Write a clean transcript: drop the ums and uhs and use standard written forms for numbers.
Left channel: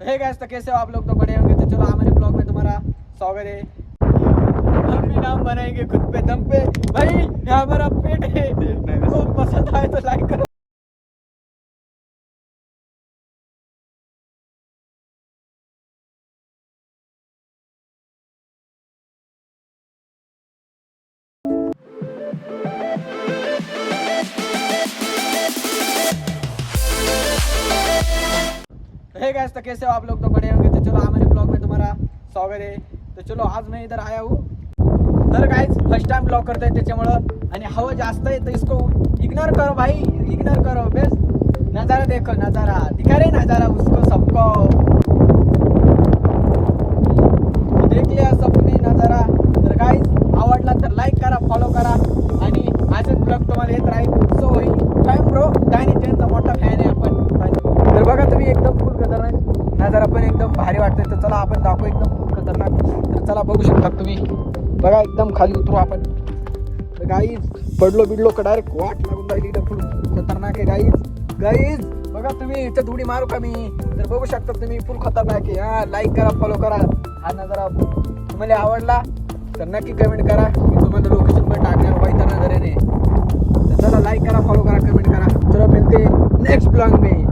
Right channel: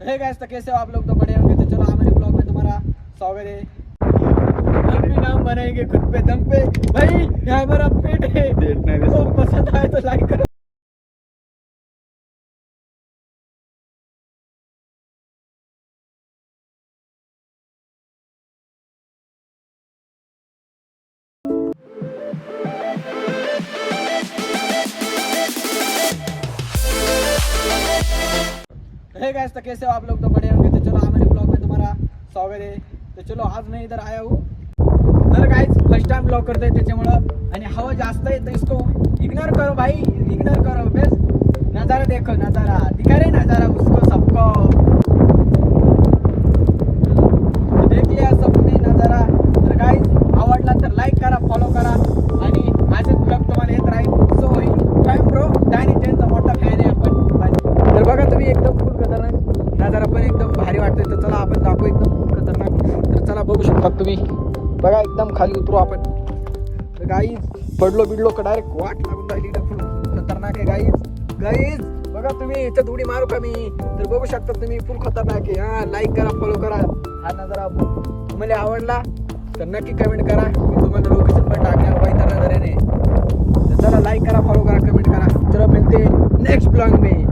Hey guys, तो कैसे हो आप लोग? तो बड़े होंगे। तो चलो हमारे ब्लॉग में तुम्हारा स्वागत है। हम भी नाम बनाएंगे खुद पे दम पे। भाई यहाँ हमारा पेट है, तो पसंद आए तो लाइक करो। हे गाइस, तो कैसे हो आप लोग? तो बड़े होंगे। तो चलो हमारे ब्लॉग में तुम्हारा स्वागत है। तो चलो आज मैं इधर आया हूँ। तर गाइस फर्स्ट टाइम ब्लॉग करते त्याच्यामुळं आणि हवा जास्त आहे, तो इसको इग्नोर करो भाई, इग्नोर करो। बस नज़ारा देखो, नज़ारा दिखा रहे, नज़ारा उसको सबको देख लिया सबने नज़ारा। तर गाइस आवडला तर लाईक करा, फॉलो करा आणि माझे ब्लॉग तुम्हाला येत राहील। सो ही टाइम ब्रो डायनी चेनचा मोठा फॅन आहे आपण। तर बघा तुम्ही एकदम फुल खतरनाक नजारा, पण एकदम भारी वाटतोय। तर चला आपण दाखवू एकदम फुल खतरनाक। तर चला बघू शकता तुम्ही, बघा एकदम खाली उतरू आपण। तर गाईज पडलो बिडलो का डायरेक्ट वाट लागून राहिली, एकदम फुल खतरनाक आहे गाईज। गाईज बघा तुम्ही, इथं थोडी मारू का मी? तर बघू शकता तुम्ही, फुल खतरनाक आहे। हा लाईक करा, फॉलो करा। हा नजारा तुम्हाला आवडला तर नक्की कमेंट करा, मी तुम्हाला लोकेशन पण टाकणार पाहिजे नजरेने। तर चला लाईक करा, फॉलो करा, कमेंट करा। चला मिळते नेक्स्ट ब्लॉग में।